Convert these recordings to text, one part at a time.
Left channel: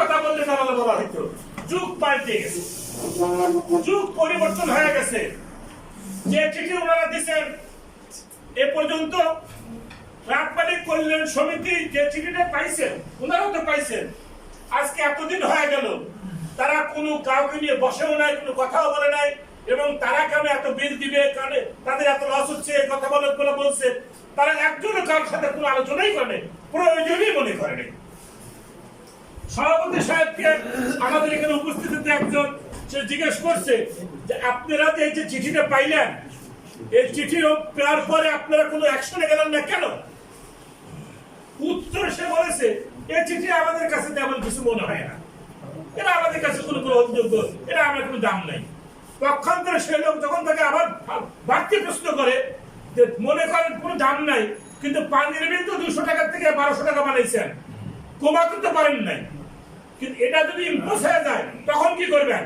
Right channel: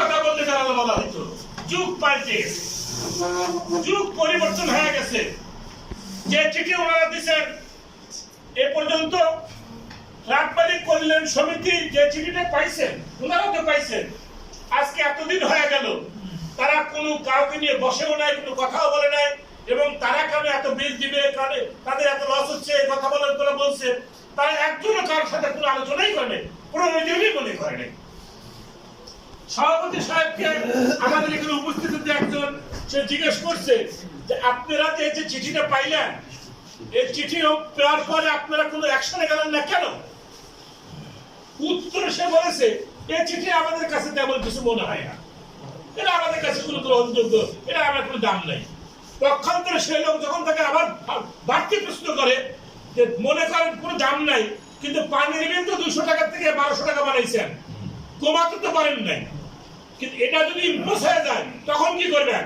কথা বলতে জানালো বলা হইতো। যুগ পাল্টে গেছে, যুগ পরিবর্তন হয়ে গেছে। যে চিঠি ওনারা দিচ্ছেন এ পর্যন্ত ফ্ল্যাট মালিক কল্যাণ সমিতি যে চিঠিটা পাইছেন ওনারাও তো পাইছেন। আজকে এতদিন হয়ে গেল তারা কোনো কাউকে নিয়ে বসেও নাই, কোনো কথাও বলে নাই। এবং তারা কেন এত বিল দিবে, কারণে তাদের এত লস হচ্ছে এই কথা বলে বলছে, তারা একজনও কারোর সাথে কোনো আলোচনাই করে, প্রয়োজনই মনে করেনি। সভাপতি সাহেবকে আমাদের এখানে উপস্থিত একজন সে জিজ্ঞেস করছে যে আপনারা যে চিঠিটা পাইলেন, এই চিঠি পাওয়ার পরে আপনারা কোনো অ্যাকশনে গেলেন না কেন? উত্তর সে বলেছে এই চিঠি আমাদের কাছে তেমন কিছু মনে হয় না, এটা আমাদের কাছে কোনো গ্রহণযোগ্য, এটা আমার কোনো দাম নাই। পক্ষান্তরে সে লোক যখন তাকে আবার বাড়তি প্রশ্ন করে যে মনে করেন কোনো দাম নাই, কিন্তু পানির বিল তো 200 টাকা থেকে 1200 টাকা বানাইছেন, কমাতে তো পারেন নাই, কিন্তু এটা যদি ইম্পোজ হয়ে যায় তখন কি করবেন?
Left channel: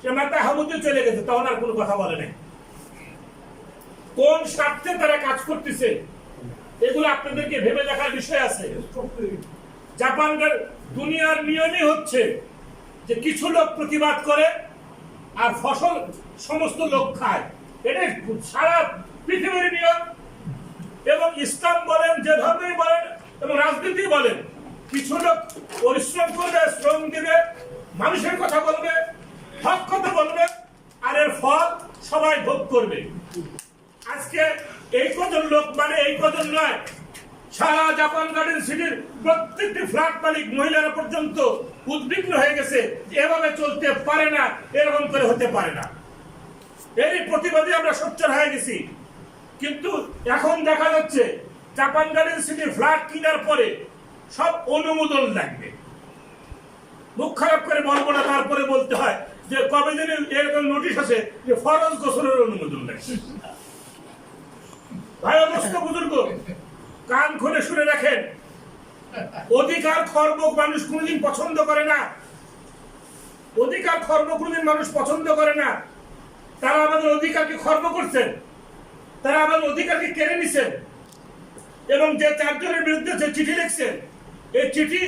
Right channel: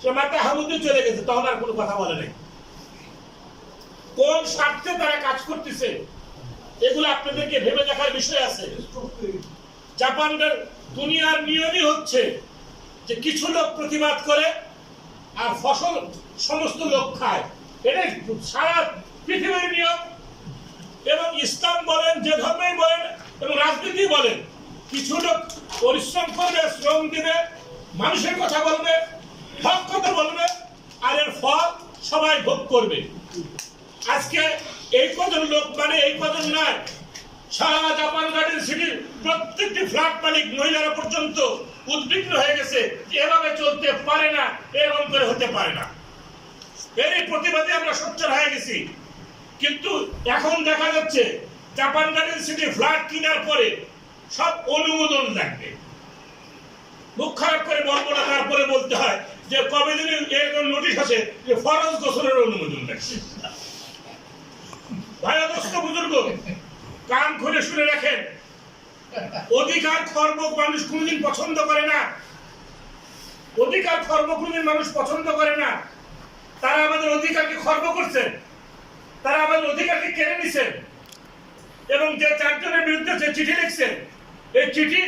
সে মাথা হাবুতে চলে গেছে, তখন আর কোনো কথা বলে নাই। কোন স্বার্থে তারা কাজ করতেছে এগুলো আপনাদেরকে ভেবে দেখার বিষয় আছে। জাপানের দুনিয়ার নিয়মই হচ্ছে যে কিছু লোক প্রতিবাদ করে আর ফসল সমস্ত লোক খায়, এটাই সারা পৃথিবীর নিয়ম। এবং ইসলাম বলেন, যে ধর্মেই বলেন এবং রাজনীতি বলেন, কিছু লোক পরিশ্রম করবে, শ্রম দিবে, মানুষের কথা বলবে, হক কথা বলবে, আর এর ফল সবাই ভোগ করবে। আজকে এই কজন লোক, মানে এই কজন নয়, সারা জাপান গার্ডেন সিটির প্রত্যেকটি ফ্ল্যাট মালিক মহিলারা পর্যন্ত উদ্বিগ্ন হয়ে গেছে, এভাবে চলতে পারে না, এরকম করে হতে পারে না। এরই প্রতিবাদে আমরা সোচ্চার হয়ে গেছি। কিন্তু এখন দেখা যাচ্ছে জাপান গার্ডেন সিটি ফ্ল্যাট কেনার পরে সব অনুমোদন লাগবে। মুখ খারাপ করে বলবো না, তারপরে বলতে হয় যে কবে দিন এরকম নোটিশ আছে যে ফরজ গোসলের অনুমোদন লাগছে। ভাই অবস্থ বুজুর্গ, কান খুলে শুনে রাখেন, অধিকার খর্ব মানুষ কোনদিন পছন্দ করে না। অধিকার খর্ব কোনদিন মানুষ পছন্দ করে না। তারা আমাদের অধিকারকে খর্ব করছেন, তারা আমাদের অধিকারকে কেড়ে নিছেন। এবং যে 4 জনের বিরুদ্ধে যে চিঠি লিখছেন, এই চিঠি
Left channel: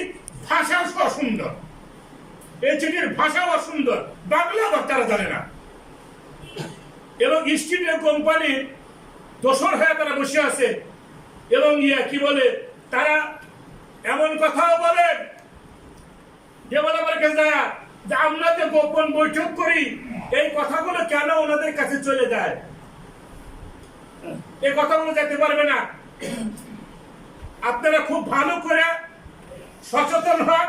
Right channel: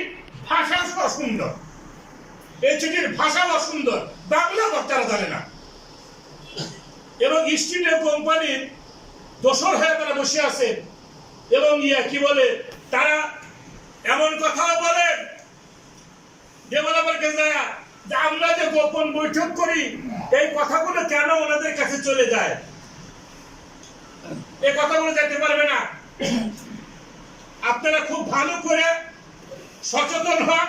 ভাষাও অসুন্দর, এই চিঠির ভাষাও অসুন্দর, বাংলা বক্তারা জানে না। এবং ইস্ট ইন্ডিয়া কোম্পানির দোসর হয়ে তারা বসে আছে। এবং কি বলে, তারা এমন কথাও বলেন যে বলাবার কাছে যে আমরা যে গোপন বৈঠক করি, এই কথাগুলো কেন ওনাদের কাছে চলে যায়? এই কথাগুলো যেতে পারবে না। আপনারা খুব ভালো করে সচেতন হন।